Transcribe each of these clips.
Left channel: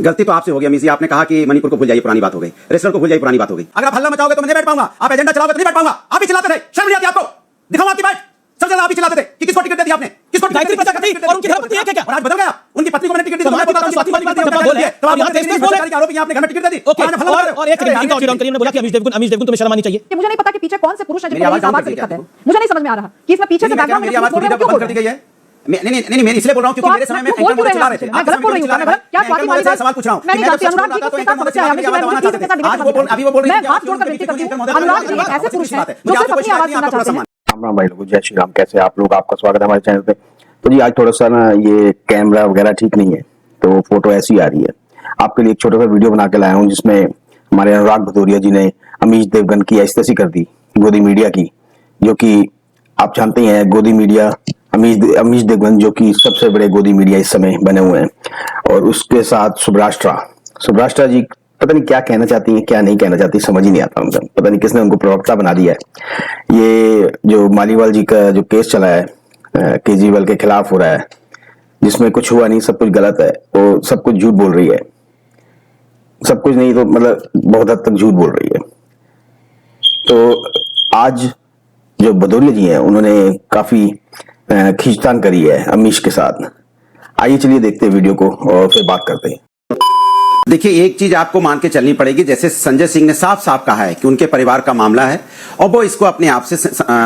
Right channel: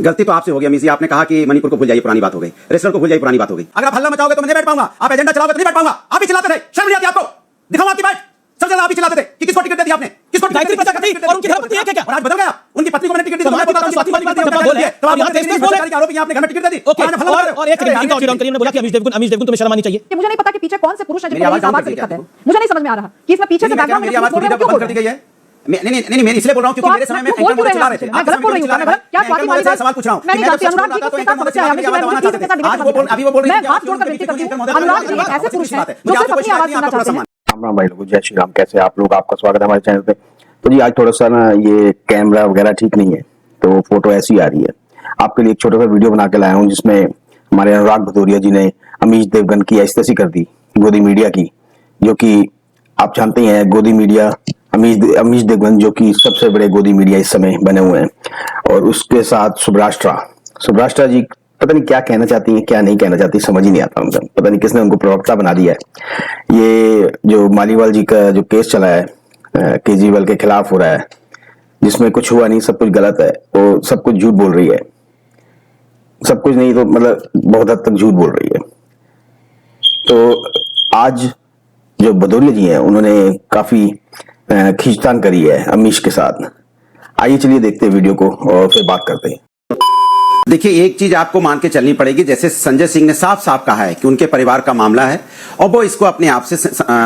गलती तो आपसे हो गई अमीश जी, आपने कहा कि मणिपुर को भूल जाइए, पुरानी बात हो गई, रेस्टोरेंट को भूल जाइए, पुरानी बात हो गई। अगर आप हल्ला मचाओगे तो मैं नहीं बैठ पाऊंगा, आप एजेंडा चलाओगे तो नहीं बैठ पाऊंगा। आप ही चिल्लाते थे, शर्म नहीं आती आपको? दिखाओ आपकी बाइट। सबसे ज्यादा आप ही चिल्लाते थे कि किसको टिकट दे दी आपने, किसको गायत्री प्रजापति और उनकी धर्मपत्नी है क्या? और आज बदल गया, उनकी पत्नी को मैंने टिकट दी, तो मैं बोलता हूं स्वाति मालिवाल का बोल है, तो आप यहां देश बोल रहे हैं आरोप आपने घर में टिकट दे दी। और एक सेकंड इनका ऑडियो डाउन करिए। मैंने बोला कि अमीश देवगन तुम्हें शर्म आनी चाहिए। मुझे नहीं पता कि पीछे कौन से पुरुष हैं जिनको ये आवाज से दिक्कत है, मुझे नहीं समझ में आ रहा कि इसमें पीछे से बैकग्राउंड में आवाज बंद कर दी गई है। नहीं मैं इसलिए बोल रहा हूं क्योंकि मेरे समय में एंकर चला रहे थे। मैं गलत बोल रही हूं क्या स्वाति मालिवाल सवाल पूछ रहा हूं? मैं नहीं जानती अनुराग जी को किसका समस्या है, अभी वो बोल रही है मैं हाथ जोड़कर विनती करती हूं। अनुराग जी ऐसे पुरुष हैं जो सिर्फ अपनी आवाज सुनना चाहते हैं। राम भाई लोगों, जय श्री राम। कैसे आप लोग? आपका स्वागत है हमारे चैनल पे। तो जी आज थोड़ा सा ना ये कैमरा वगैरह ठीक नहीं है, तो फोटो ऐसी आ रही है। आपके लिए एक छोटा सा वीडियो बना के लाया हूँ जिसमें हमारे अनुराग भदौरिया जी ने अमीश देवगन की ऐसी कर दी गोदी मीडिया की, जो कि आप जानते ही हैं गोदी मीडिया अमीश देवगन जो कि सबसे बड़े गोदी मीडिया इस समय बने हुए हैं। और उसके साथ सुब्राष्ट्रा जी पता नहीं क्या कहना चाहती हैं क्या नहीं कहना चाहती, समझ ही नहीं आता उनका। पता नहीं किसने उनको प्रवक्ता बना दिया है। ये जो मालीवाल जी का जो केस चला है केजरीवाल के खिलाफ हो रहा है, जिसमें कुछ हुआ नहीं, सब कुछ गलत है, वो सब कुछ झूठ बोल रही है। सब कुछ नहीं तो मतलब बहुत हद तक झूठ बोल रही है। तो आज जो भदौरिया जी हैं उन्होंने काफी खींचतान करी है अमीश के साथ। आइए चलिए देखते हैं वीडियो को और फिर बात करते हैं। देखिए एक चीज आपको मान के चलनी पड़ेगी, जैसे संजय सिंह ने साफ साफ कहा है कि उनके परिवार का मामला है और वो इसको अपने आप से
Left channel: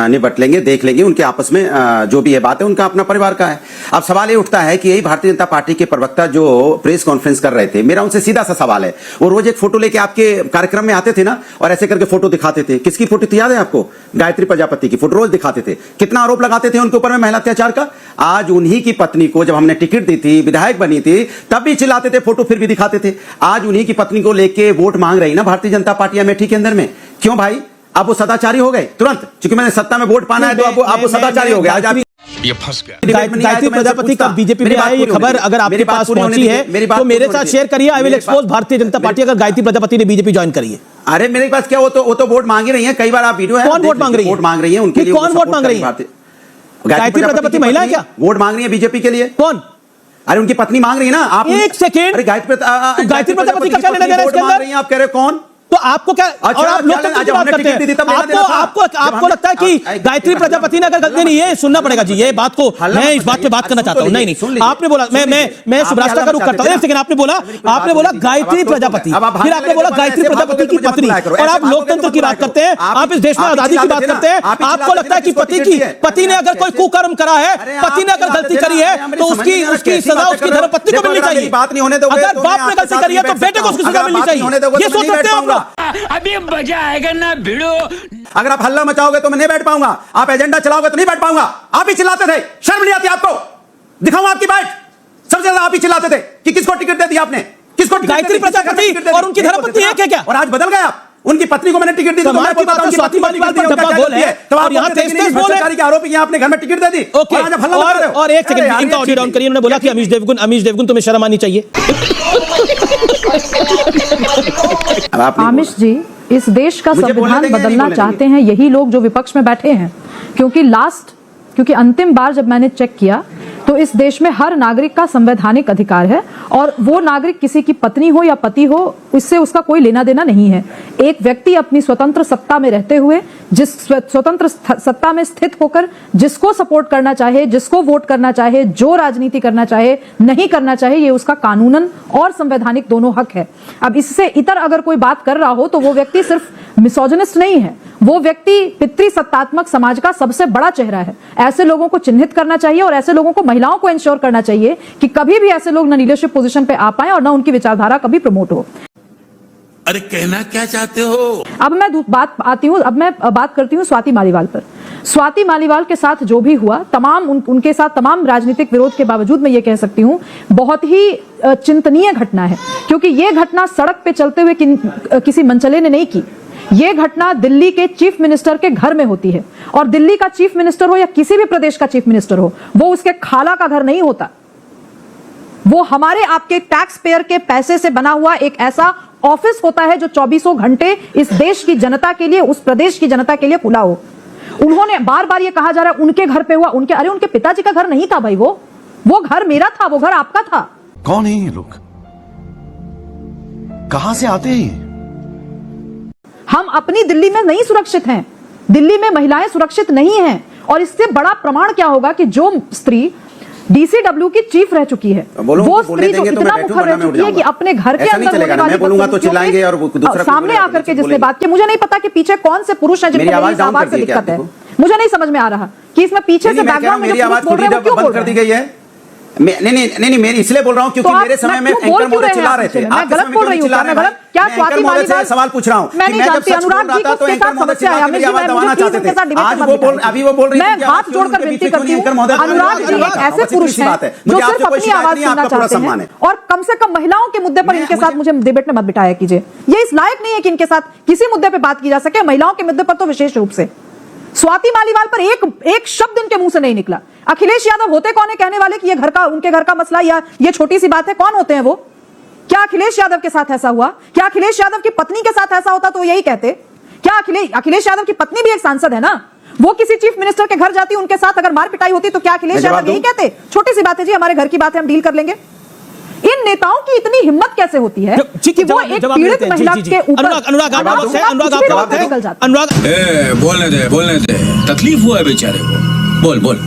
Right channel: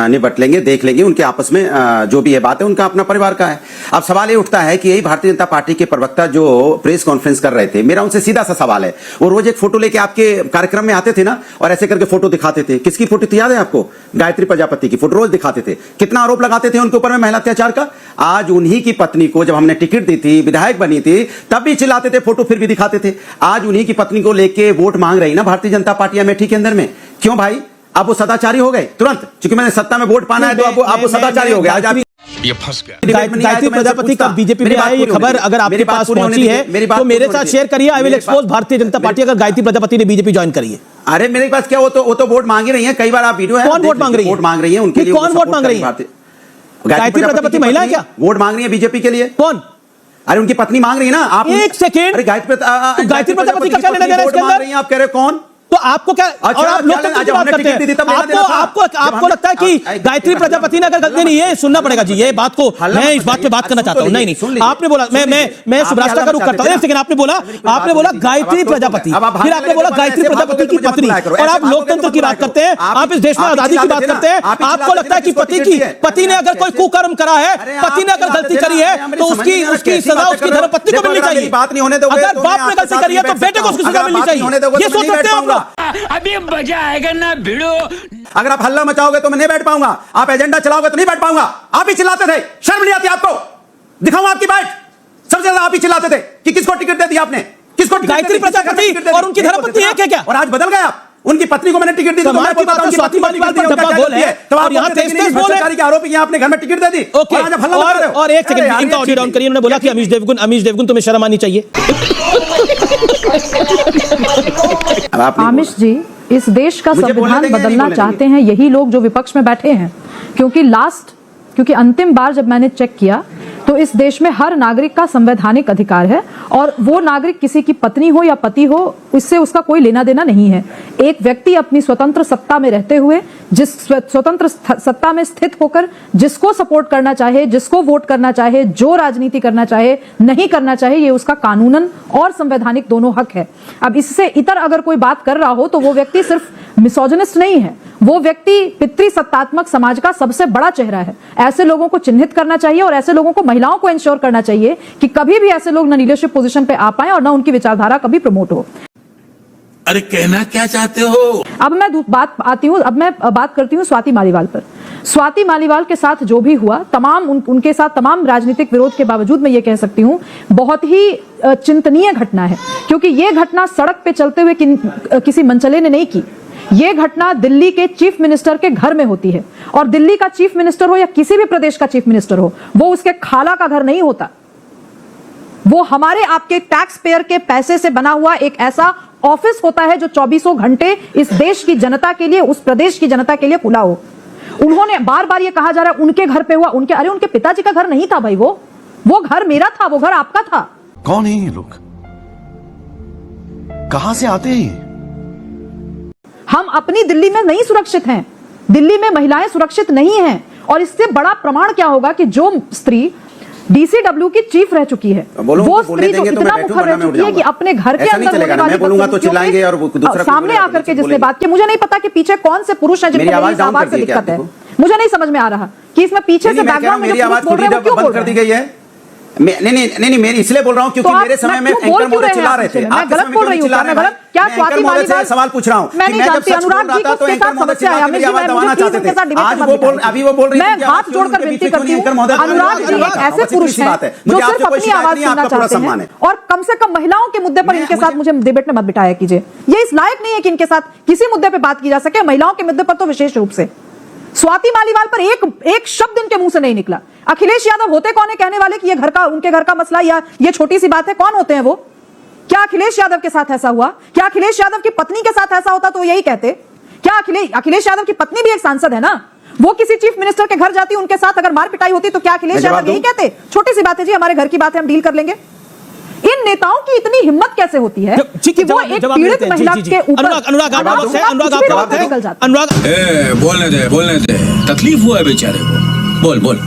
निपट लेंगे, देख लेंगे, उनके आपस में जो भी ये बात है उनका अपना परिवार का है। अब सवाल ये उठता है कि यही भारतीय जनता पार्टी के प्रवक्ता जो प्रेस कॉन्फ्रेंस कर रहे थे, मेरा उनसे सीधा सा सवाल है, वो रोज एक फोटो लेके आपके कार्यक्रम में आते थे ना और ऐसे करके फोटो दिखाते थे। किसकी फोटो थी याद है आपको? गायत्री प्रजापति की फोटो रोज दिखाते थे। कितना आरोप लगाते थे उनके ऊपर में महिला अत्याचार का। आज उन्हीं की पत्नी को जब हमने टिकट दी थी, विधायक बनी थी, तब भी चिल्लाते थे, फोटो फिर भी दिखाते थे। आज उन्हीं की पत्नी को लेके वोट मांग रही ना भारतीय जनता पार्टी अमेठी के अंदर में। क्यों भाई? अब वो सदाचारी हो गए तुरंत, क्योंकि मैंने सत्ता में वोट पाना है तो अब वो सदाचारी हो गए। आज आप ये फंस गया। गायत्री प्रजापति का बीजेपी में आया, ये खबर अगर आपके पास पहुंची है तो मेरे साथ शेयर करिए। I will expose Bharatiya Janata party अगर गायत्री प्रजापति ने बीजेपी ज्वाइन करी है। अरे मेरे पास क्या, वो तो वोट मांग ही रही है। कई बार आप वीडियो है, कौन वोट मांग रही है? वोट मांग रही है उनके लिए। कौन वोट मांग रही है? गायत्री प्रजापति महिला है क्या? वोट मांग रही है बीजेपी के लिए। कौन? अरे उनकी पत्नी मांग रही है ना। आप एक सेकंड, गायत्री प्रजापति का क्या लेना देना इसके अंदर? आप कह रहे कौन? तो आपको क्या और आप लोग की बात करते हैं? आपको लगता है कि गायत्री प्रजापति ने अगर गलती नहीं है, सुनना पड़ेगा जी ये बात को। मैं इस बात पे बात करना चाहता हूँ। नहीं आपने बोला, मैं सुब्राष्ट्रा का रुख करता हूँ। एक सेकंड, आपने बोला गायत्री प्रजापति, फिर आपने बोला गायत्री प्रजापति की पत्नी, और आप लोकतंत्र की बात करते हैं, आप इस देश में आजादी की बात करते हैं। आपको लगता है कि पति ने अगर कोई कुकर्म करा है, पति ने अगर गलती करी है तो उसकी सजा उसकी धर्मपत्नी को मिलनी चाहिए। बात नहीं होने दोगे। अगर बाप ने गलती करी है तो बेटे को उसकी सजा मिलनी चाहिए। ये सोच सकते हैं अभी मजा आएगा ना भिड़ो। अगर आप हल्ला मचाओगे तो मैं नहीं बैठ पाऊंगा, आप एजेंडा चलाओगे तो नहीं बैठ पाऊंगा। आप ही चिल्लाते थे, शर्म नहीं आती आपको? दिखाऊं आपकी बाइट। सबसे ज्यादा आप ही चिल्लाते थे कि किसको टिकट दे दी आपने, किसको? गायत्री प्रजापति और उनकी धर्मपत्नी है क्या? और आज बदल गया, उनकी पत्नी को मैंने टिकट दी, तो मैं बोलता हूं स्वाति मालिवाल का डब्बा बोल है, तो आप यहां भ्रष्टाचारी के आरोपी हैं, आपने घर में टिकट दे दी। और आज आप हल्ला मचा रहे हो। और एक सेकंड, इनका ऑडियो डाउन करिए। उन्होंने बोला कि अमीश देवगन तुम्हें शर्म आनी चाहिए। आमिश जी, इस देश का संविधान बदलना चाहते हैं यही लोग जो विपक्ष में बैठे हैं, क्योंकि अंतिम बार जब मैंने चेक किया तो इस देश में हर नागरिक का संवैधानिक अधिकार है, और वो नागरिक किसी की पत्नी हो या पति हो, इससे उसका कोई लेना देना नहीं है। एक व्यक्ति अपनी स्वतंत्र सत्ता में रहते हुए, जिस स्वतंत्र सत्ता में स्थित होकर जिसको सपोर्ट करना चाहे, जिसको वोट करना चाहे, जो राजनीति करना चाहे, नहीं करना चाहे, ये उसका कानूनन और संवैधानिक दोनों हक है। अब इससे इतर अगर कोई बात कर रहा हो तो वो व्यक्ति सिर्फ मिसोजिनिस्ट नहीं है, वो व्यक्ति पितृसत्तात्मक समाज का सबसे बड़ा चेहरा है। ऐसे लोगों को चिन्हित करना चाहिए और ऐसे लोगों को, महिलाओं को इंश्योर करना चाहिए कि कभी भी ऐसे लोग न लीडरशिप पोजीशन पे आ पाए और न उनकी विचारधारा कभी प्रमोट हो। अरे कहना क्या चाहते हो? अब मैं बात करती हूँ स्वाति मालिवाल पर। स्वाति मालिवाल के साथ जो भी हुआ, उनके साथ तमाम राजनीतिक विरोध के बावजूद मैं ये कह सकती हूँ बहुत ही चिंतनीय घटना है, क्योंकि ये घटना सड़क पे चलते हुए किसी मनचले ने नहीं की। ये घटना दिल्ली के चीफ मिनिस्टर के घर में होती है, और दिल्ली का चीफ मिनिस्टर हो या किसी भी प्रदेश का चीफ मिनिस्टर हो, वो उसके खाला का घर नहीं होता। वो हमारे आपके टैक्स पेयर के पैसे से बना हुआ एक ऐसा ऑफिस होता है जो 24 घंटे इस देश की जनता के लिए, उस प्रदेश की जनता के लिए खुला हो। उन्होंने बार बार ये कहा जा रहा है उनके घर पे हुआ, उनके पिताजी का घर नहीं था भाई, वो घर मेरा था, वो घर आपका था। कौन है ये लोग? कहां से आते हैं? हम अपनी दिल्ली में नहीं सुरक्षित हैं, दिल्ली में महिलाएं सुरक्षित नहीं हैं। और इससे बड़ा प्रमाण क्या होगा कि जो स्त्री डीसीडब्ल्यू की चीफ रह चुकी है, वो स्त्री जो इतना मुखर रह चुकी है कि अपने घर के अंदर होने वाली सामने आकर के जिसने बात की, मुझे नहीं पता कि पीछे कौन से पुरुष हैं जिनको मेरी आवाज से दिक्कत है। मुझे नहीं समझ में आ रहा कि इसमें पीछे से बैकग्राउंड में जो बोल रहे हैं वो क्यों बोल रहे हैं? नहीं मेरी इसलिए बोल रहा हूँ क्योंकि मेरे समय में एंकर महोदय चिल्ला रहे थे। मैं गलत बोल रही हूँ क्या? मैं गलत क्या? स्वाति मालीवाल सवाल पूछ रहा हूँ। मैं नहीं जानती अनुराग जी को उसके साथ समस्या है। अमित जी मैं मुझे के साथ डिबेट में अभी वो बोल रही मैं हाथ जोड़कर विनती करती हूँ, अनुराग जी एक ऐसे पुरुष हैं जो सिर्फ अपनी आवाज सुनना चाहते हैं और कम से कम महिलाओं के मुद्दे पर इनके साथ मुझे डिबेट में मत बिठाया कीजिए। ये इस लायक नहीं है कि इनके साथ किसी मुद्दे पर बात की जा सके, महिलाओं के मुद्दे पर तो विशेष रूप से। स्वाति मालीवाल पर एक शब्द इनके मुंह से नहीं निकला। अखिलेश यादव होते कौन है कहने वाले कि ये उनके घर का मसला या ये छोटी सी बात है? कौन होते हैं वो? क्या अखिलेश यादव के साथ ऐसा हुआ? क्या अखिलेश यादव की पत्नी के साथ ऐसा होता तो यही कहते? क्या अखिलेश यादव की पत्नी भी एक सांसद है ना? वो किसी चीफ मिनिस्टर के घर जाती, उनके साथ अगर मार पिटाई होती तो क्या अखिलेश यादव यही कहते? छोटी सी बात है जी, हमारे घर की बात है, हम डील कर लेंगे। इन नेताओं की इतनी हिम्मत कैसे होती है कि वो एक पीड़ित महिला के ऊपर बोलने दे तकलीफ हुआ है बेचारे को। बोल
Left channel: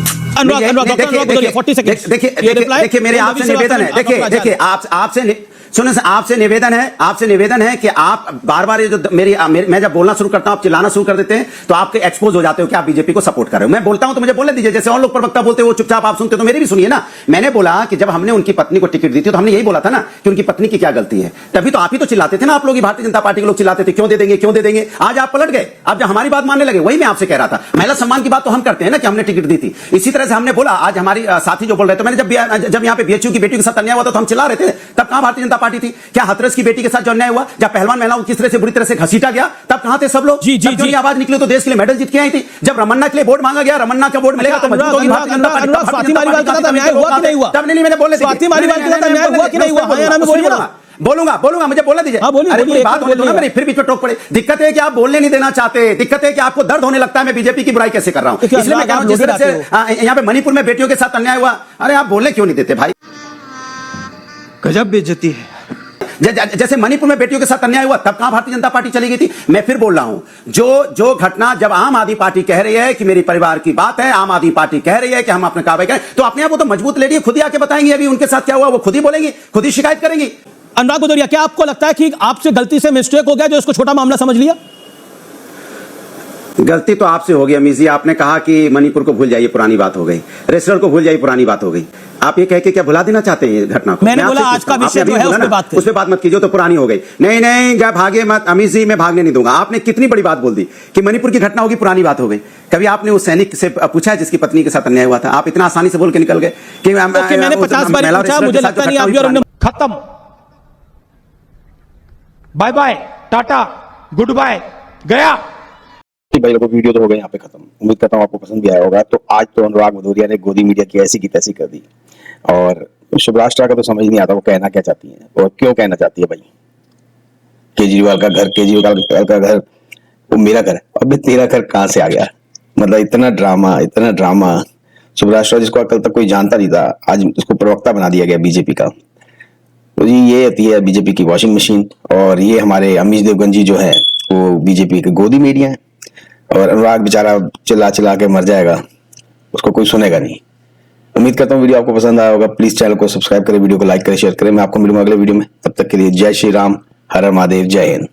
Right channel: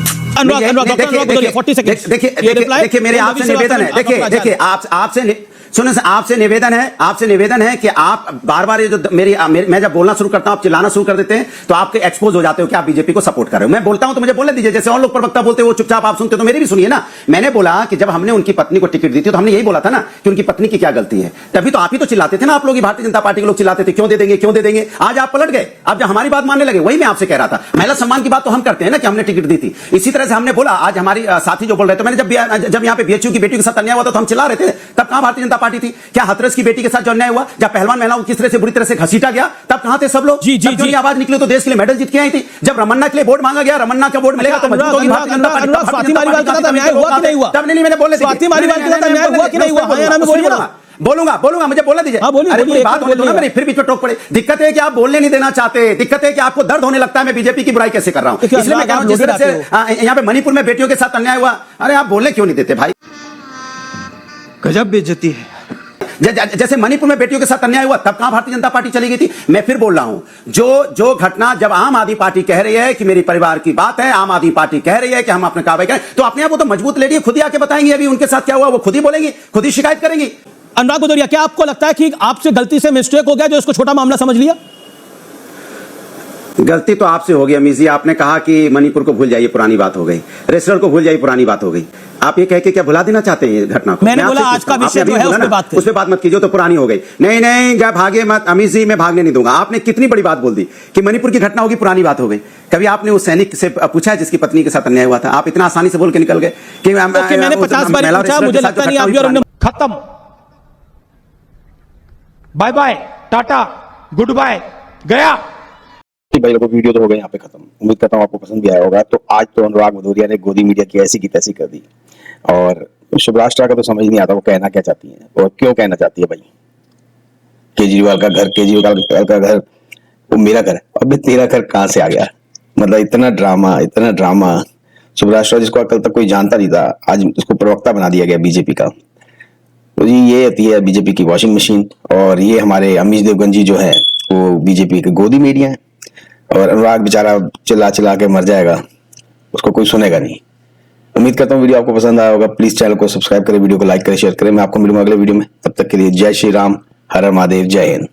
देखिए मेरे आपसे निवेदन है, देखिए आपसे सुनो, आपसे निवेदन है कि आप बार बार ये जो मैं जब बोलना शुरू करता हूं आप चिल्लाना शुरू कर देते हैं तो आपके एक्सपोज हो जाते हो कि आप बीजेपी को सपोर्ट कर रहे हो। मैं बोलता हूं तो मुझे बोलने दीजिए, जैसे और लोग प्रवक्ता बोलते हैं वो चुपचाप आप सुनते हो तो मेरी भी सुनिए ना। मैंने बोला कि जब हमने उनकी पत्नी को टिकट दी थी तो हमने यही बोला था ना कि उनकी पत्नी की क्या गलती है, तभी तो आप ही तो चिल्लाते थे ना। आप लोग भारतीय जनता पार्टी के लोग चिल्लाते थे क्यों दे देंगे। आज आप पलट गए, आप जब हमारी बात मानने लगे। वही मैं आपसे कह रहा था, महिला सम्मान की बात तो हम करते हैं ना कि हमने टिकट दी थी। इसी तरह से हमने बोला, आज हमारी साथी जो बोल रहे थे, मैंने जब यहाँ पे बीएचयू की बेटी के साथ अन्याय हुआ तो हम चिल्ला रहे थे, तब कहां भारतीय जनता पार्टी थी? क्या हाथरस की बेटी के साथ जो अन्याय हुआ, जब पहलवान महिलाओं को किस तरह से बुरी तरह से घसीटा गया, तब कहां थे सब लोग? जी आवाज निकले तो देश के लिए मेडल जीत के आई थी। जब रमन्ना के लिए वोट मांगा गया, रमन्ना का वोट मिलेगा तो मजबूत होगी भारतीय जनता पार्टी। स्वाति मालीवाल के साथ अन्याय हुआ कि नहीं हुआ? तब नहीं मैंने बोलने, स्वाति मालीवाल के साथ अन्याय हुआ कि नहीं हुआ? बोलूंगा मुझे बोलने दीजिए। फिर भी तो टोक पड़े। दिक्कत है कि आप बोलने नहीं देना चाहते, दिक्कत है कि आपको दर्द होने लगता है मैं बीजेपी की बुराई कैसे कर रहा हूँ। यहाँ पे मणिपुर में बेटियों के साथ अन्याय हुआ, अरे आप बोलने क्यों नहीं देते भाई? गजब बेइज्जती है। जैसे मणिपुर में बेटियों के साथ अन्याय हुआ तब कहां भारतीय जनता पार्टी चली गई थी? मैं फिर बोल रहा हूं, जो घटना जब आम आदमी पार्टी कह रही है कि मेरी परिवार की बात है, आम आदमी पार्टी कह रही है कि हम अपने कार्रवाई करें, तो अपने आप वो तो मजबूत लेडी है, खुद ही आके बताएंगे अभी उनके साथ क्या हुआ, वो खुद ही बोलेंगी, खुद ही शिकायत करेंगी। अनुराग भदौरिया, क्या आपको लगता है कि आपसे गलती से मिस्टेक हो गया जो इसको छोटा मामला समझ लिया? गलती तो आपसे हो गई अमीर जी। आपने कहा कि मणिपुर को भूल जाइए, पुरानी बात हो गई। रेस्टोरेंट को भूल जाइए, पुरानी बात हो गई। आप ये कह के क्या भुला देना चाहते हैं घटना को? मैंने बोला आज का विषय जो है उस पे बात मत कीजिए, तो पुरानी हो गई। नहीं क्या भागे मत अमीर जी, मैं भागने नहीं दूंगा। आपने कितनी बड़ी बात बोल दी कि मणिपुर की घटना होगी, पुरानी बात हो गई। कभी आपने उस सैनिक से पूछा है जिसकी पत्नी के साथ अन्याय हुआ था? आप इतना आसानी से बोल के निकल गए कि मैंने 50 बार पूछा, मुझे लगता नहीं आप खत्म, bye bye, tata, good bye, गया। भाई लोगों, वीडियो तो हो गया यहाँ पे खत्म। उम्मीद करता हूँ आपको पसंद भी आया होगा। तो आज तो अनुराग भदौरिया ने गोदी मीडिया की ऐसी की तैसी कर दी, और शुभराष्ट्र का तो समझ नहीं आता वो कहना क्या चाहती है और क्यों कहना चाहती है। भाई केजरीवाल का घर वो मेरा घर है, अब तेरा घर कहाँ से आ गया? मतलब इतना ड्रामा। शुभराष्ट्र जिसको कल तक कोई जानता नहीं था, आज उसको प्रवक्ता बना दिया गया बीजेपी का। तो जी ये होती है बीजेपी की वॉशिंग मशीन, और ये हमारे अमीश देवगन जी जो है वो बीजेपी के गोदी मीडिया है। और अनुराग बेचारा चिल्ला के मर जाएगा, उसको कोई सुनेगा नहीं। उम्मीद करता हूँ वीडियो आपको पसंद आया होगा। प्लीज चैनल को सब्सक्राइब करें, वीडियो को लाइक करें, शेयर करें। मैं आपको मिलूंगा अगले वीडियो में। तब तक के लिए जय श्री राम, हर हर महादेव, जय हिंद।